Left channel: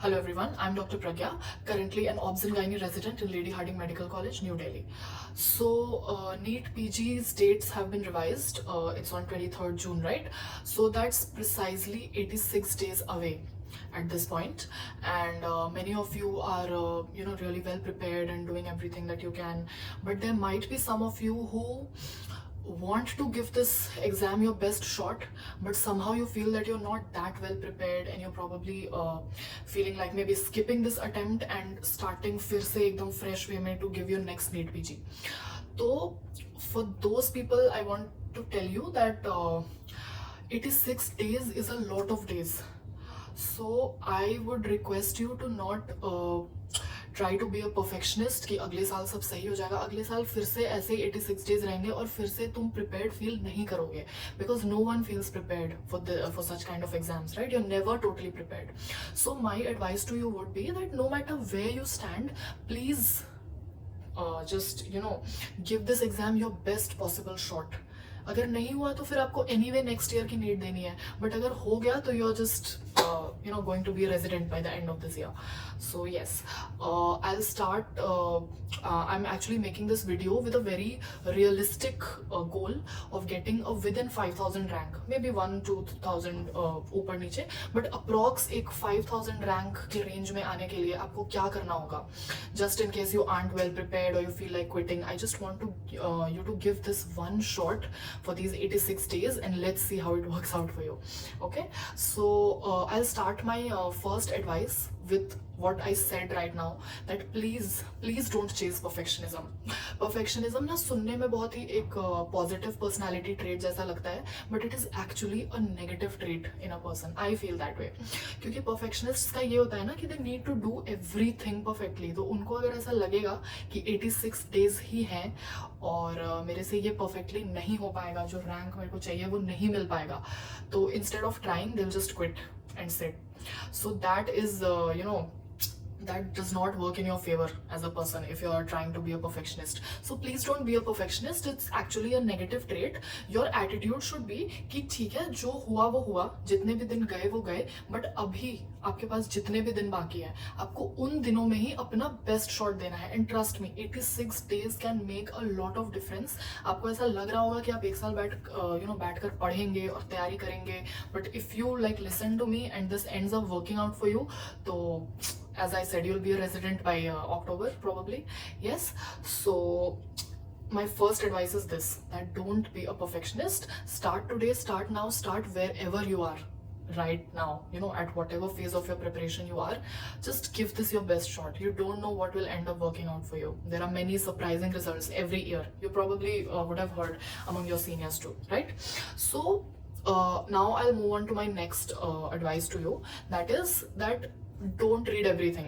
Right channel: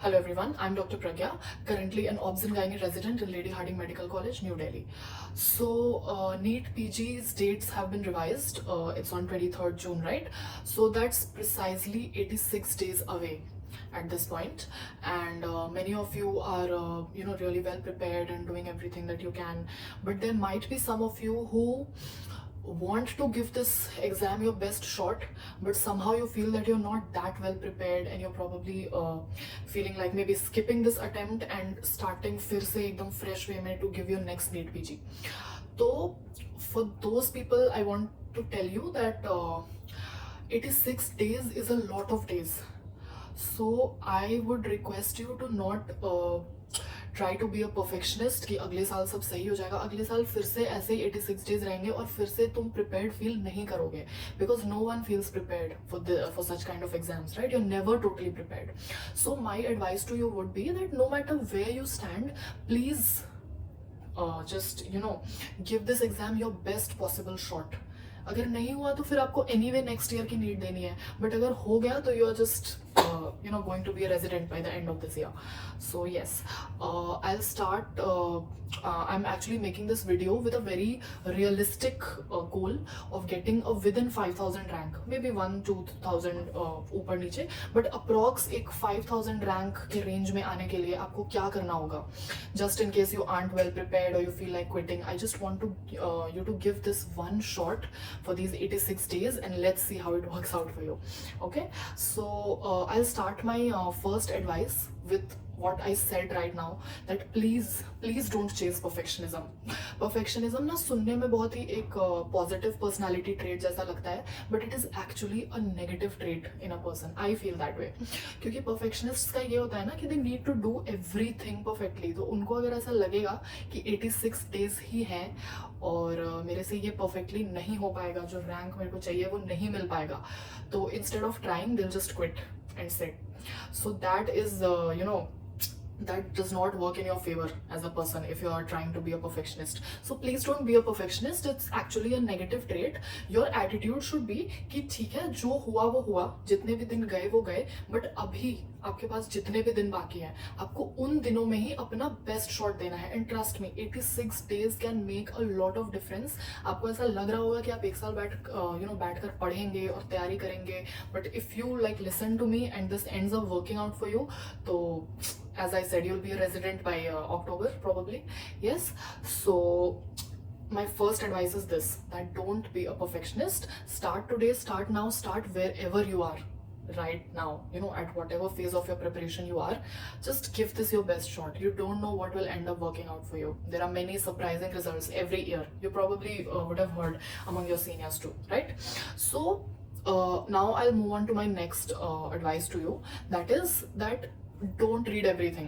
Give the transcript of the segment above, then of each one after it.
Hello everyone, I'm Dr. Pragya, currently an obs and gynae resident in Lady Hardinge Medical College, New Delhi. NEET PG's dates have been revised. It's on 23rd June, right? So that's precisely 86 days away at this point, and many of you are really well prepared and doing everything that you can, but there might be some of you who want to give this exam your best shot, but somehow you feel that you're not that well prepared and you're probably feeling like maybe skipping this attempt and starting फिर से एकदम fresh way में to give your next NEET PG. So for those people I want to tell you that 86 days is a lot of days. So I would request you to not try to be a perfectionist कि अगले साल सब सही हो जाएगा, अगले साल फिर से ऐसे 86 डेज रहेंगे और फिर से तुम प्रिपेयर्ड फील नहीं करोगे, because no one feels prepared for such kind of exams, right? You never totally prepared. So my advice to you would be that no matter where you stand, please just give this exam your best possible shot. अगर नहीं हुआ तो फिर आपको anyway next year की NEET देनी है, but अगर हो गया तो you are just going to be a resident by the end of this year. So yes, I'll start. I'm actually making this video with a very realistic goal of getting a within 5000 rank, maybe 1-2,000 ऊपर नीचे, but approx एक 5000 rank के range में आने के लिए आपको क्या करना होगा? Just in case you aren't well prepared or you feel like quitting, I just want to you to give this one shot for these 86 days and let's see how it works out for you. Okay, so I'll start my first advice with what I said right now, that please don't chase perfectionism. Perfectionism ना सुनने में बहुत ही एक positive personality trait जैसा लगता है, but it is actually a negative trait in a person. I feel that way. क्योंकि perfectionists का ये होता है ना कि they need to do everything perfectly. तो उनको अगर ऐसा लगेगा कि 86 days ही हैं और मेरे से ये perfectly नहीं हो पाएगा, जो rank मेरे को चाहिए वो नहीं मिल पाएगा, तो instead of trying they'll just quit and sit. So that is that does not work in your favor as a person if you are trying to be a perfectionist. So please don't be a perfectionist. It's actually a negative trait. Your attitude should be कि ठीक है, जो हुआ वो हुआ, जितने भी दिन गए वो गए, बट अभी आपके पास जितने भी दिन बाकी हैं आपको उन दिनों में ही अपना बेस्ट शॉट देना है. And trust me, 86 days can make a lot of difference. आपको ऐसा लग रहा होगा कि आप एक साल बैठकर पढ़ेंगे और तैयारी करेंगे, but if you like listen to me and this ends up working out for you, तो as I said, you'll be a resident by October probably. Yes. So my first advice is this, that don't be a perfectionist. Start today, start now, start wherever you are right now, at whatever phase of your preparation you are. Just give this your best shot. You don't know what will end up working out for you. There are many surprising results every year. You probably would have heard among your seniors too, right? So now I'll move on to my next advice to you, that is that don't read everything.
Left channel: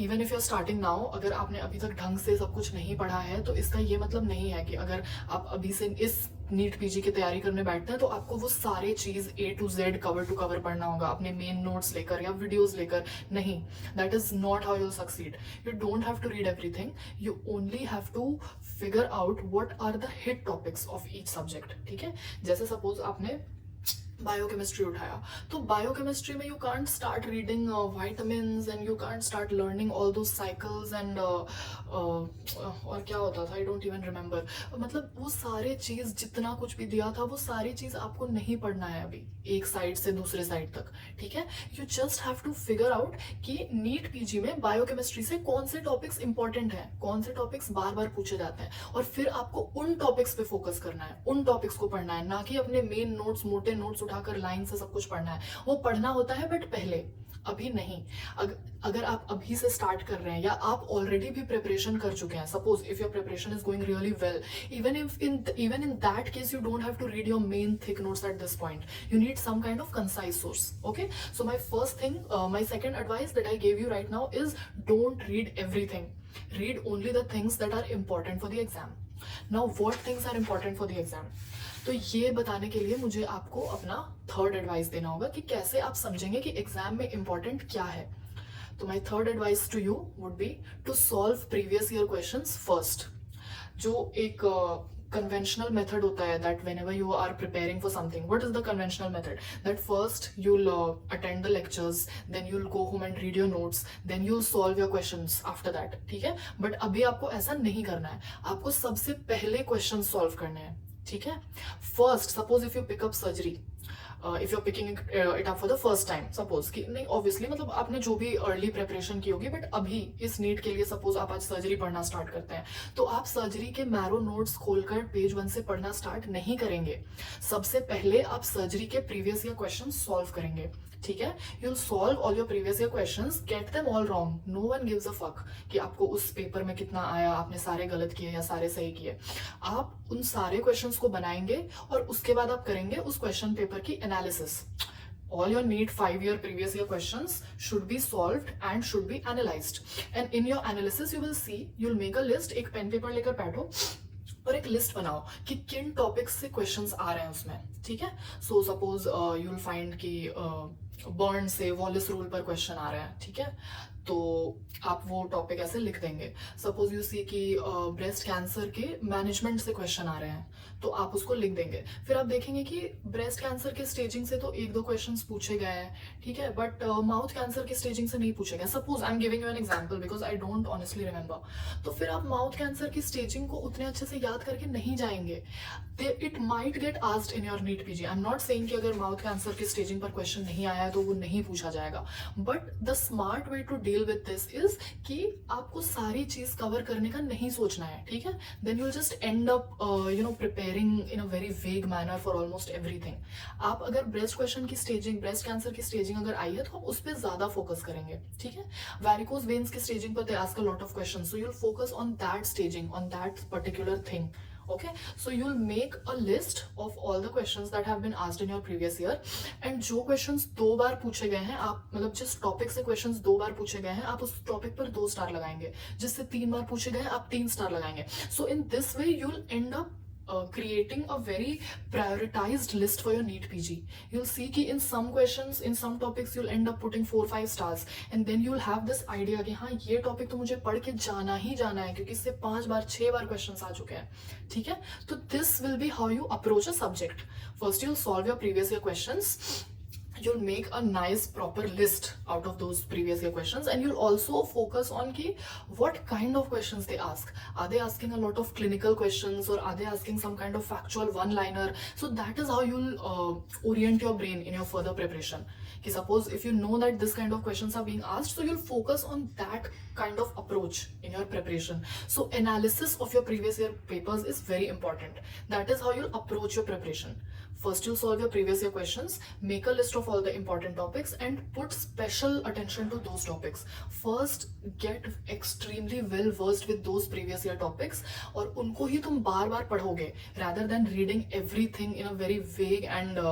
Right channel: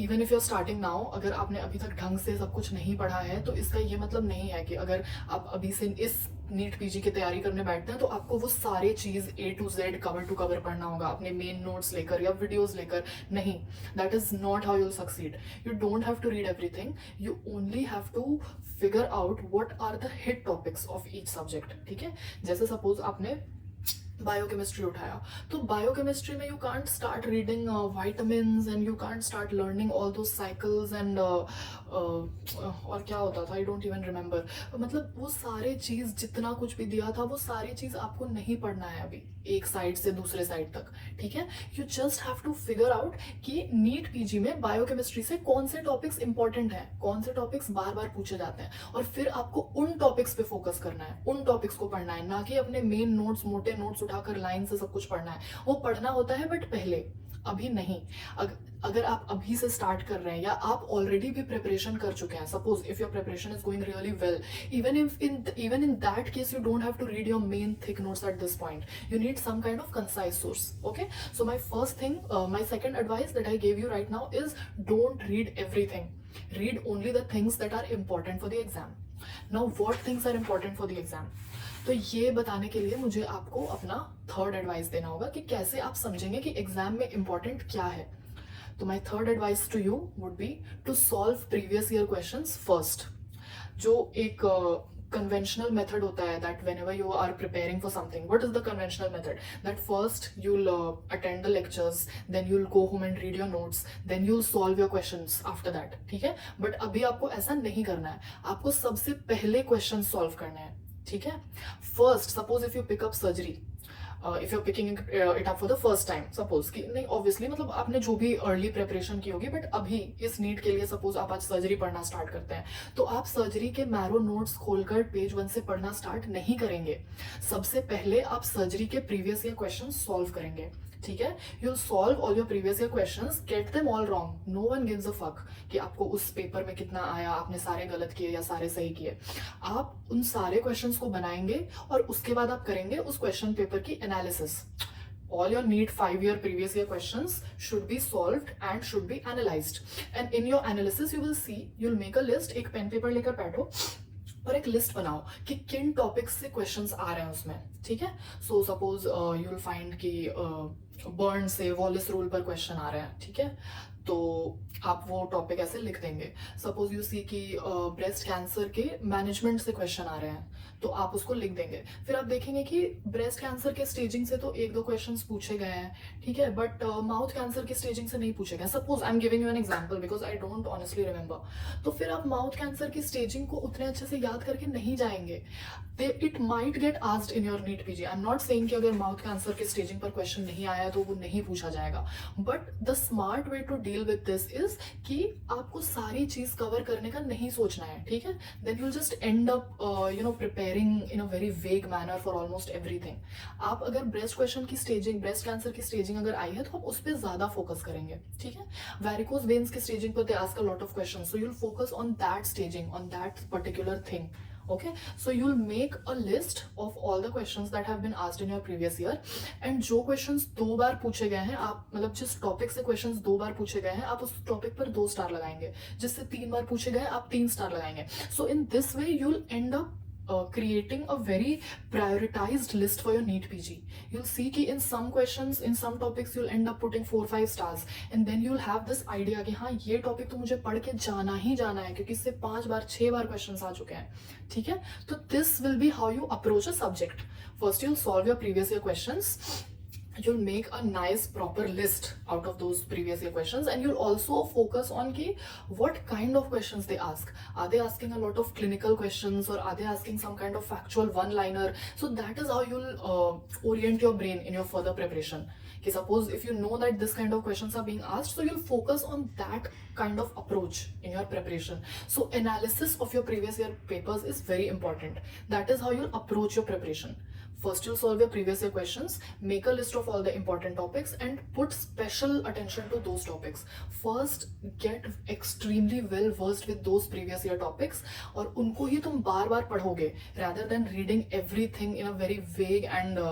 Even if you're starting now, अगर आपने अभी तक ढंग से सब कुछ नहीं पढ़ा है तो इसका ये मतलब नहीं है कि अगर आप अभी से इस नीट पीजी की तैयारी करने बैठते हैं तो आपको वो सारे चीज A to Z cover to cover पढ़ना होगा अपने मेन नोट्स लेकर या वीडियोस लेकर. नहीं, that is not how you'll succeed. You don't have to read everything. You only have to figure out what are the hit topics of each subject. ठीक है, जैसे सपोज आपने बायोकेमिस्ट्री उठाया, तो बायोकेमिस्ट्री में you can't start reading vitamins and you can't start learning all दो cycles and और क्या होता था, आई डोंट इवन रिमेंबर. मतलब वो सारे चीज जितना कुछ भी दिया था वो सारी चीज आपको नहीं पढ़ना है अभी एक साइड से दूसरे साइड तक. ठीक है, you just have to figure out कि नीट पीजी में बायोकेमिस्ट्री से कौन से टॉपिक्स इंपॉर्टेंट है, कौन से टॉपिक्स बार बार पूछे जाते हैं, और फिर आपको उन टॉपिक्स पे फोकस करना है, उन टॉपिक्स को पढ़ना है, ना कि अपने मेन नोट्स मोटे नोट्स उठाकर लाइन से सब कुछ पढ़ना है. वो पढ़ना होता है बट पहले, अभी नहीं. अगर आप अभी से स्टार्ट कर रहे हैं या आप ऑलरेडी भी प्रिपरेशन कर चुके हैं, suppose if your preparation is going really well, even in that case you don't have to read your main thick notes at this point. You need some kind of concise source. Okay, so my second advice that I gave you right now is don't read everything. Read only the things that are important for the exam. Now what things are important for the exam? तो ये बताने के लिए मुझे आपको अपना third advice देना होगा कि कैसे आप समझेंगे कि एग्जाम में इंपॉर्टेंट क्या है. तो my third advice to you would be to solve previous year questions first. जो एक conventional method होता है that whenever you are preparing for something, what is the conventional method? That first you'll attend the lectures, then you'll go home and read your notes, then you'll solve your questions after that, ठीक है? But अभी आपको ऐसा नहीं करना है, आपको सबसे पहले questions solve करने हैं, ठीक है? First, suppose if you pick up surgery, if you are picking it up for the first time, suppose कि नहीं ऑब्वियसली मतलब आपने जो भी अर्ली प्रिपरेशन की होगी, बट अभी इस नीट के लिए सपोज आप आज सर्जरी पढ़ना स्टार्ट करते हैं, तो आप सर्जरी के मैरो नोट्स खोलकर पेज 1 से पढ़ना स्टार्ट नहीं करेंगे। सबसे पहले आप सर्जरी के प्रीवियस ईयर क्वेश्चन सॉल्व करेंगे, ठीक है? You solve all your previous year questions, get them all wrong, no one gives a fuck कि आपको उस पेपर में कितना आया, आपने सारे गलत किए या सारे सही किए। आप उन सारे क्वेश्चंस को बनाएंगे और उसके बाद आप करेंगे उस क्वेश्चन पेपर की analysis. All your NEET 5-year previous year questions should be solved and should be analyzed. And in your analysis you will see, you'll make a list, एक पेन पेपर लेकर बैठो और एक लिस्ट बनाओ कि किन topics से क्वेश्चंस आ रहे हैं उसमें, ठीक है? So suppose you will find कि बर्न से वॉलिस रूल पर क्वेश्चन आ रहा है, ठीक है? तो आप वो टॉपिक ऐसे लिख देंगे। सपोज यू सी कि ब्रेस्ट कैंसर के मैनेजमेंट से क्वेश्चन आ रहे हैं, तो आप उसको लिख देंगे। फिर आप देखेंगे कि ब्रेस्ट कैंसर के स्टेजिंग से तो 1-2 क्वेश्चंस पूछे गए हैं, ठीक है, बट माउथ कैंसर की स्टेजिंग से नहीं पूछे गए। Suppose I am giving you an example because I don't honestly remember. तो फिर आप माउथ कैंसर की स्टेजिंग को उतने अच्छे से याद करके नहीं जाएंगे। It might get asked in your NEET PG. I am not saying कि अगर माउथ कैंसर की स्टेजिंग पर क्वेश्चन नहीं आया तो वो नहीं पूछा जाएगा, but the smart way to deal with this is कि आपको सारी चीज कवर करने का नहीं सोचना है, ठीक है? Then you will just end up preparing in a very vague manner for almost everything. आप अगर ब्रेस्ट क्वेश्चन की स्टेजिंग, ब्रेस्ट कैंसर की स्टेजिंग अगर आई है तो आप उस पर ज्यादा फोकस करेंगे, ठीक है? वैरिकोज वेन्स की स्टेजिंग पर they ask a lot of questions, so you will focus on that staging, on that particular thing. Okay, so you'll make a list of all the questions that have been asked in your previous year, and जो questions 2 बार पूछे गए हैं, आप मतलब जिस topic से questions 2 बार पूछे गए हैं, आप उस टॉपिक पर 2 स्टार लगाएंगे। जिससे 3 बार पूछे गए आप 3 स्टार लगाएंगे। So in this way you'll end up creating a very prioritized list for your NEET PG. You'll see कि in some questions, in some topics you'll end up putting 4-5 stars, and then you'll have this idea कि हाँ ये topic तो मुझे पढ़ के जाना ही जाना है क्योंकि इससे 5 बार 6 बार questions आ चुके हैं, ठीक है? तो this will be how you approach a subject. First you'll solve your previous year questions. You'll make a nice proper list out of those previous year questions, and you'll also focus on ki what kind of questions they ask. Are they asking a lot of clinical questions, or are they asking some kind of factual one-liner? So that is how you'll orient your brain in your further preparation. Ki suppose if you know that this kind of questions are being asked, so you'll focus on that kind of approach in your preparation. So analysis of your previous year papers is very important. That is how you'll approach your preparation. First, you'll solve your previous year questions, make a list of all the important topics, and put special attention to those topics. First, get extremely well versed with those previous year topics, और उनको ही तुम बार बार पढ़ोगे, rather than reading everything in a very vague and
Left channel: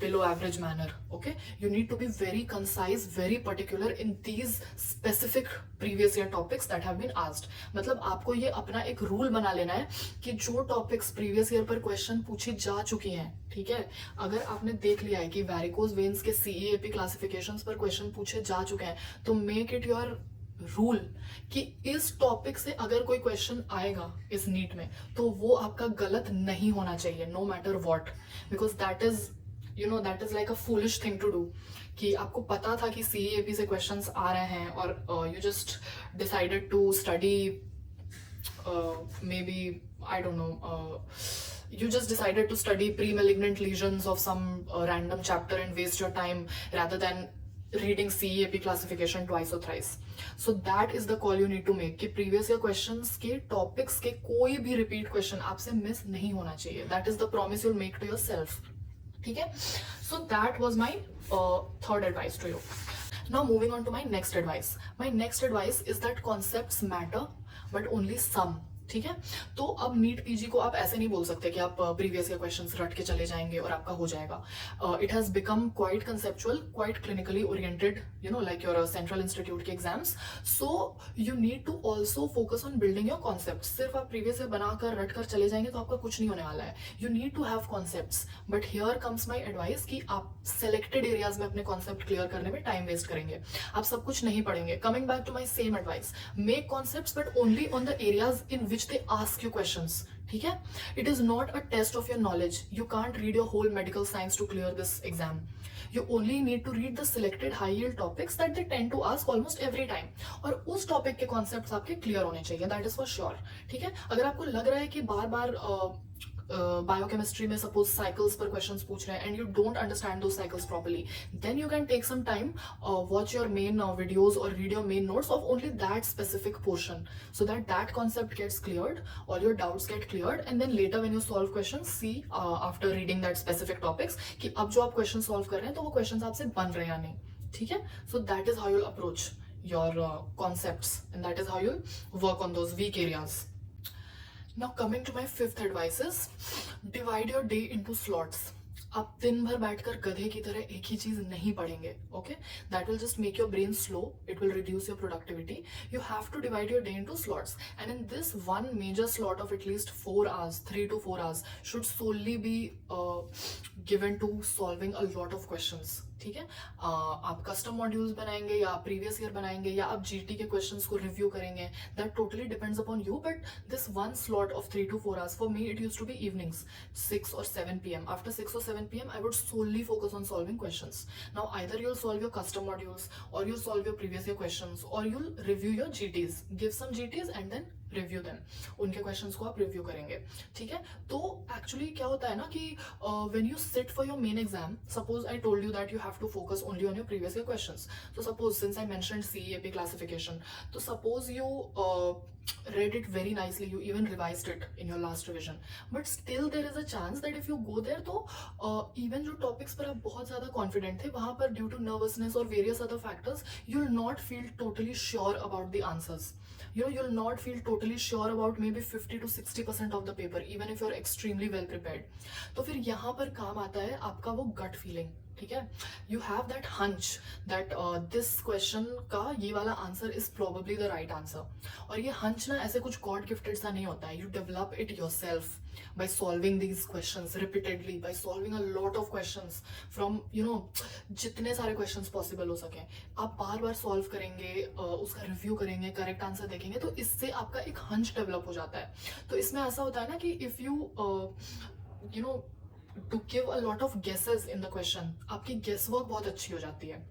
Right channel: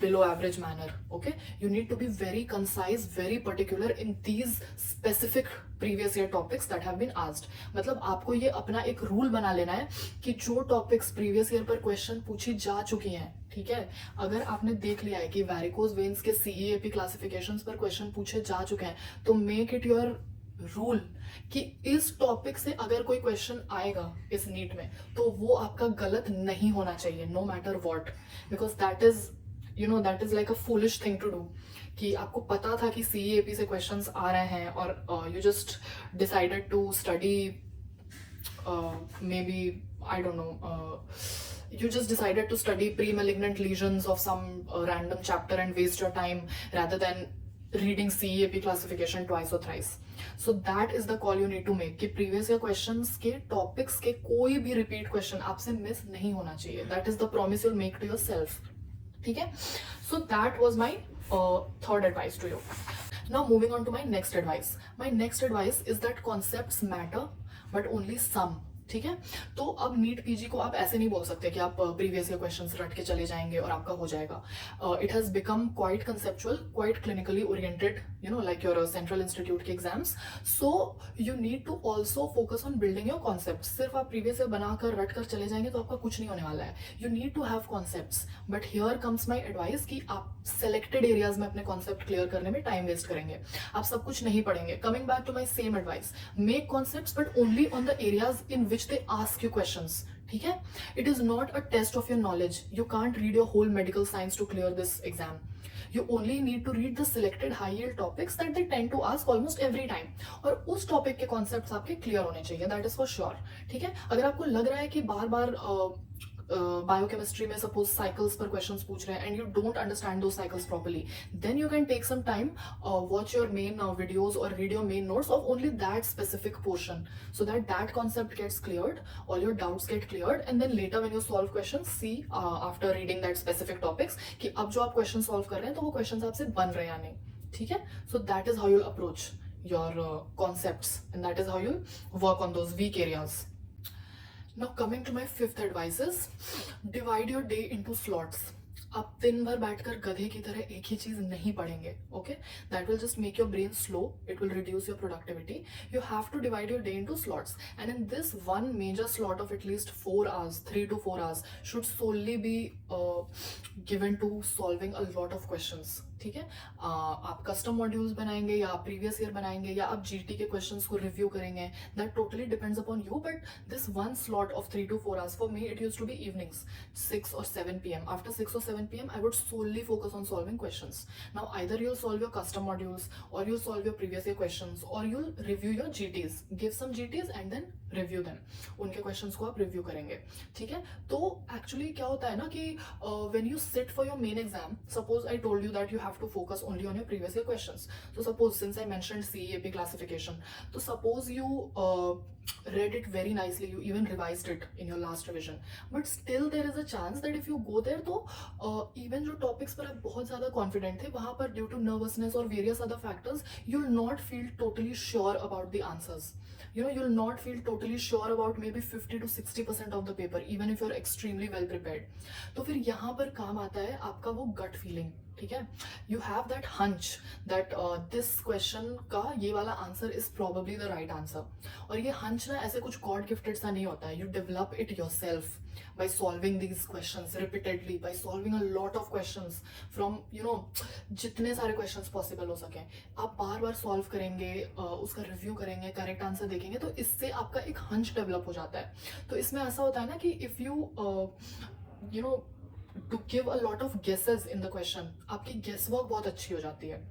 below average manner. Okay, you need to be very concise, very particular in these specific previous year topics that have been asked. मतलब आपको ये अपना एक rule बना लेना है कि जो टॉपिक्स प्रीवियस ईयर पर क्वेश्चन पूछी जा चुकी हैं, ठीक है, अगर आपने देख लिया है कि वैरिकोज वेन्स के CEAP क्लासिफिकेशंस पर क्वेश्चन पूछे जा चुके हैं, तो मेक इट योर रूल कि इस टॉपिक से अगर कोई क्वेश्चन आएगा इस नीट में तो वो आपका गलत नहीं होना चाहिए, no matter what, because that is that is like a foolish thing to do कि आपको पता था कि CEAP से क्वेश्चंस आ रहे हैं और you just decided to study maybe I don't know, you just decided to study pre-malignant lesions of some random chapter and waste your time rather than reading CEAP classification twice or thrice. So that is the call you need to make कि previous year questions के topics के कोई भी repeat question आपसे miss नहीं होना चाहिए. That is the promise you'll make to yourself. ठीक है? So that was my third advice to you. Now moving on to my next advice. My next advice is that concepts matter, but only some. ठीक है? तो अब NEET PG को आप ऐसे नहीं बोल सकते कि आप प्रीवियस ईयर क्वेश्चंस रट के चले जाएंगे और आपका हो जाएगा. It has become quite conceptual, quite clinically oriented, like your central institute के exams. So you need to also focus on building your concept. सिर्फ आप प्रीवियस ईयर बनाकर रट कर चले जाएंगे तो आपका कुछ नहीं होने वाला है. You need to have concepts, but here comes my advice कि आप सेलेक्टेड एरियाज में अपने कॉन्सेप्ट क्लियर करने में टाइम वेस्ट करेंगे. आप सब कुछ नहीं पढ़ेंगे. Coming back to my same advice, make concepts but only on the areas in which they ask you questions. ठीक है? It is not a test of your knowledge. You can't read your whole medical science to clear this exam. You only need to read the selected high yield topics that they tend to ask almost every time. और उस topic के concepts आपके clear होने चाहिए, that is for sure. ठीक है? अगर आपको लग रहा है कि बार बार बायोकेमिस्ट्री में सपोज साइकिल्स पर क्वेश्चंस पूछ रहे हैं and you don't understand those cycles properly, then you can take some time, watch your main videos और read your main notes of only that specific portion, so that concept gets cleared, all your doubts get cleared, and then later when you solve question see after reading that specific topics कि अब जो आप question solve कर रहे हैं तो वो question आपसे बन रहे हैं या नहीं. ठीक है? So that is how you approach your concepts, and that is how you work on those weak areas. Now coming to my fifth advice is divide your day into slots. आप दिन भर बैठकर गधे की तरह एक ही चीज नहीं पढ़ेंगे. Okay, that will just make your brain slow, it will reduce your productivity. You have to divide your day into slots, and in this one major slot of at least 4 hours, 3 to 4 hours should solely be given to solving a lot of questions. ठीक है? आप custom modules बनाएंगे या आप previous year बनाएंगे या आप GT के क्वेश्चंस को रिव्यू करेंगे, that totally depends upon you. But this one slot of 3 to 4 hours, for me it used to be evenings, 6 or 7 p.m. After 6 or 7 p.m. I would solely focus on solving questions. Now either you'll solve your custom modules, or you'll solve your previous year questions, or you'll review your GTs, give some GTs and then review them. उनके questions को आप review करेंगे. ठीक है? तो actually क्या होता है ना कि when you sit for your main exam, suppose I told you that you have to focus only on your previous year questions. So suppose, since I mentioned CEAP classification, so suppose you read it very nicely, you even revised it in your last revision, but still there is a chance that if you go there, तो even जो topics पर आप बहुत ज़्यादा confident थे, वहाँ पर due to nervousness or various other factors, you'll not feel totally sure about the answers. You'll not feel totally sure about maybe 50 to 60% of the paper, even if you're extremely well prepared. तो फिर यहाँ पर काम आता है आपका वो gut feeling. ठीक है? You have that hunch that this question का ये वाला answer is probably the right answer. और ये हंच ना ऐसे कुछ गॉड गिफ्टेड सा नहीं होता है. You develop it yourself by solving these questions repeatedly, by solving a lot of questions from जितने सारे questions possible हो सके आप बार बार solve करेंगे, उसका review करेंगे, correct answer देखेंगे, तो इससे आपका एक hunch develop हो जाता है. तो इसमें ऐसा होता है ना कि if you to give a lot of guesses in the question, आपकी guess work बहुत अच्छी हो जाती है.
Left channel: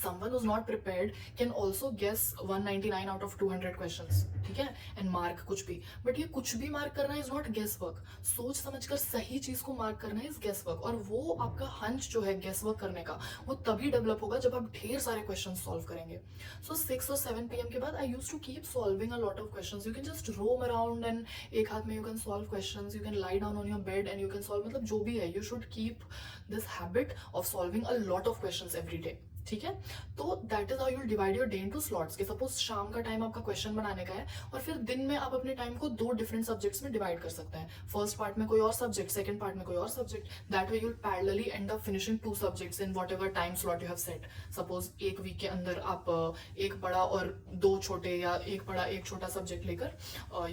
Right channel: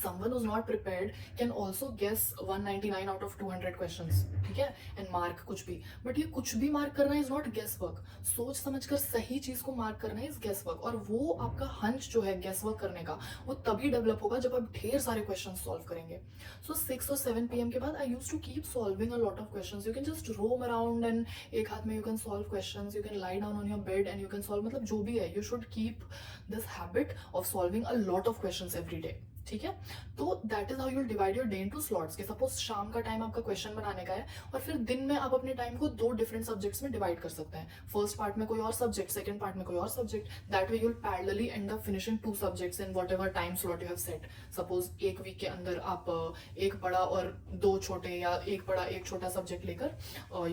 Someone who's not prepared can also guess 199 out of 200 questions. ठीक है? And mark कुछ भी. But ये कुछ भी mark करना is not guess work. सोच समझकर सही चीज को mark करना is guess work. और वो आपका hunch जो है guess work करने का, वो तभी develop होगा जब आप ढेर सारे questions solve करेंगे. So 6 or 7 p.m. के बाद I used to keep solving a lot of questions. You can just roam around and एक हाथ में you can solve questions. You can lie down on your bed and you can solve. मतलब जो भी है, you should keep this habit of solving a lot of questions every day. ठीक है? तो that is how you divide your day into slots. के suppose शाम का टाइम आपका क्वेश्चन बनाने का है और फिर दिन में आप अपने टाइम को 2 डिफरेंट सब्जेक्ट्स में डिवाइड कर सकते हैं. फर्स्ट पार्ट में कोई और सब्जेक्ट, सेकंड पार्ट में कोई और subject. That way you will parallelly and up finishing 2 subjects in whatever time slot you have set. Suppose एक वीक के अंदर आप एक बड़ा और 2 छोटे या एक बड़ा एक छोटा सब्जेक्ट लेकर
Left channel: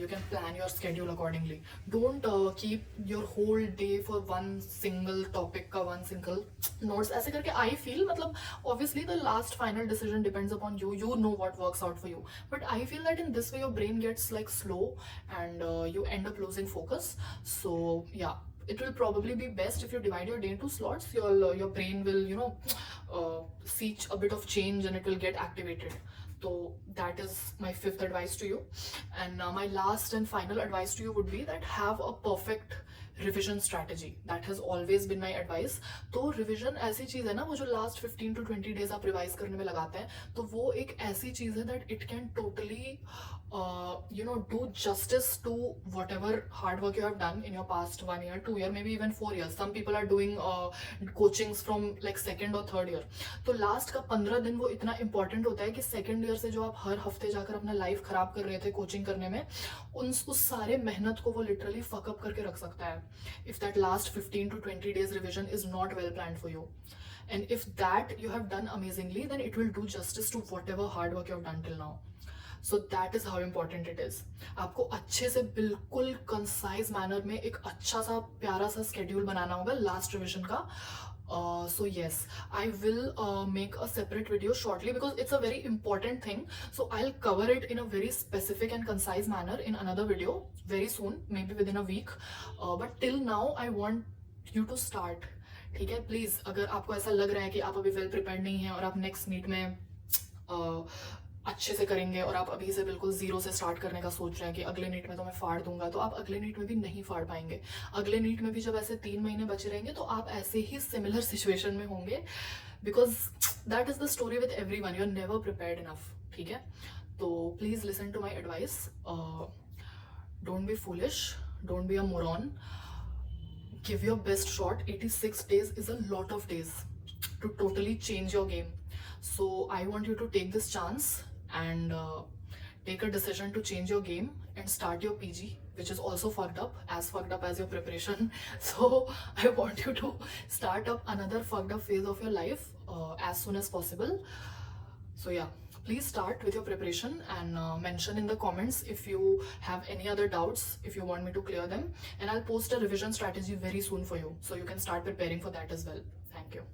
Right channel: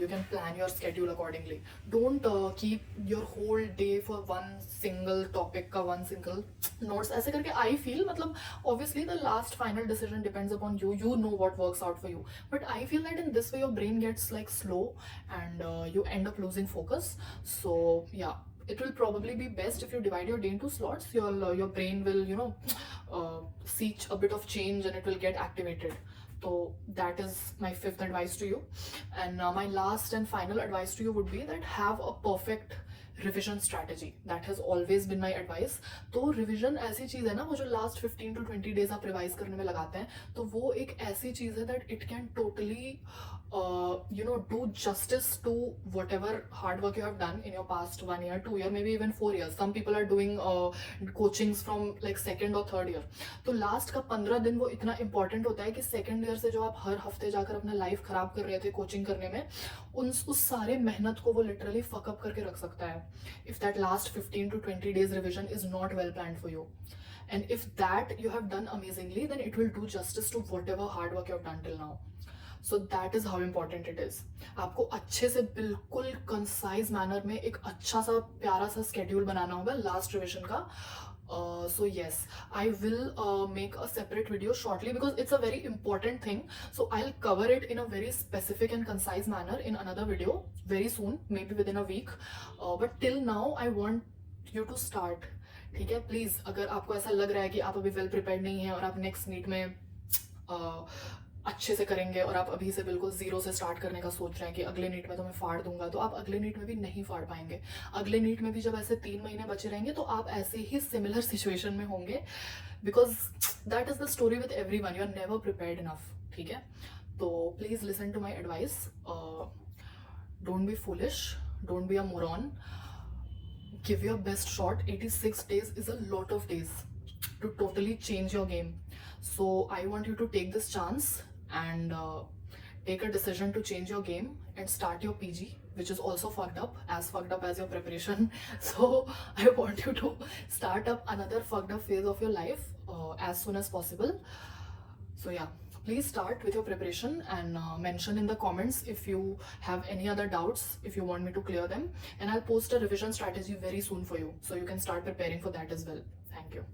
you can plan your schedule accordingly. Don't keep your whole day for one single topic का वन सिंगल नोट्स. ऐसे करके आई फील, मतलब obviously the last final decision depends upon you. You know what works out for you, but I feel that in this way your brain gets like slow and you end up losing focus. So yeah, it will probably be best if you divide your day into slots. Your brain will see a bit of change and it will get activated. So that is my 5th advice to you. And my last and final advice to you would be that have a perfect revision strategy. That has always been my advice. तो revision ऐसी चीज है ना, वो जो last 15 to 20 days आप revise करने में लगाते हैं, तो वो एक ऐसी चीज है that it can totally do justice to whatever hard work you have done in your past 1 year, 2 year, maybe even 4 years. Some people are doing coachings from like 2nd or 3rd year. तो last का 15 दिन वो इतना important होता है कि 2nd year से जो आप हर हफ्ते जाकर अपना लाइफ खराब कर रहे थे कोचिंग करने में, उस सारे मेहनत को वो लिटरली फकअप करके रख सकता है. If that last 15 to 20 days revision is not well planned for you, and if that you have done amazingly, then it will do justice to whatever hard work you have done till now. So that is how important it is. आपको अच्छे से बिल्कुल concise manner में एक अच्छा सा प्यारा सा स्केड्यूल बनाना होगा लास्ट रिविजन का. So yes, I will make a separate video shortly because it's a very important thing. So I'll cover it in a very specific and concise manner in another video very soon, maybe within a week. But till now I want you to start. ठीक है, please अगर आपको ऐसा लग रहा है कि आप अभी वेल प्रिपेयर्ड नहीं है और आप नेक्स्ट नीट में अच्छे से करेंगे और आप अभी से बिल्कुल जीरो से स्टार्ट करने का सोच रहे हैं कि अगले नीट में तो मैं फाड़ दूंगा, तो आप अगले नीट में भी नहीं फाड़ पाएंगे. अगले नीट में भी जब ऐसे 3 महीने बचे रहेंगे तो आप ऐसे ही सिमिलर सिचुएशन में होंगे, because that is the story with every one. You are never prepared enough. ठीक है, तो please listen to my advice. Don't be foolish, don't be a moron. Give your best shot. 86 days is a lot of days to totally change your game. So I want you to take this chance and take a decision to change your game and start your PG, which is also fucked up as your preparation. So I want you to start up another fucked up phase of your life as soon as possible. So yeah, please start with your preparation and mention in the comments if you have any other doubts, if you want me to clear them, and I'll post a revision strategy very soon for you so you can start preparing for that as well. Thank you.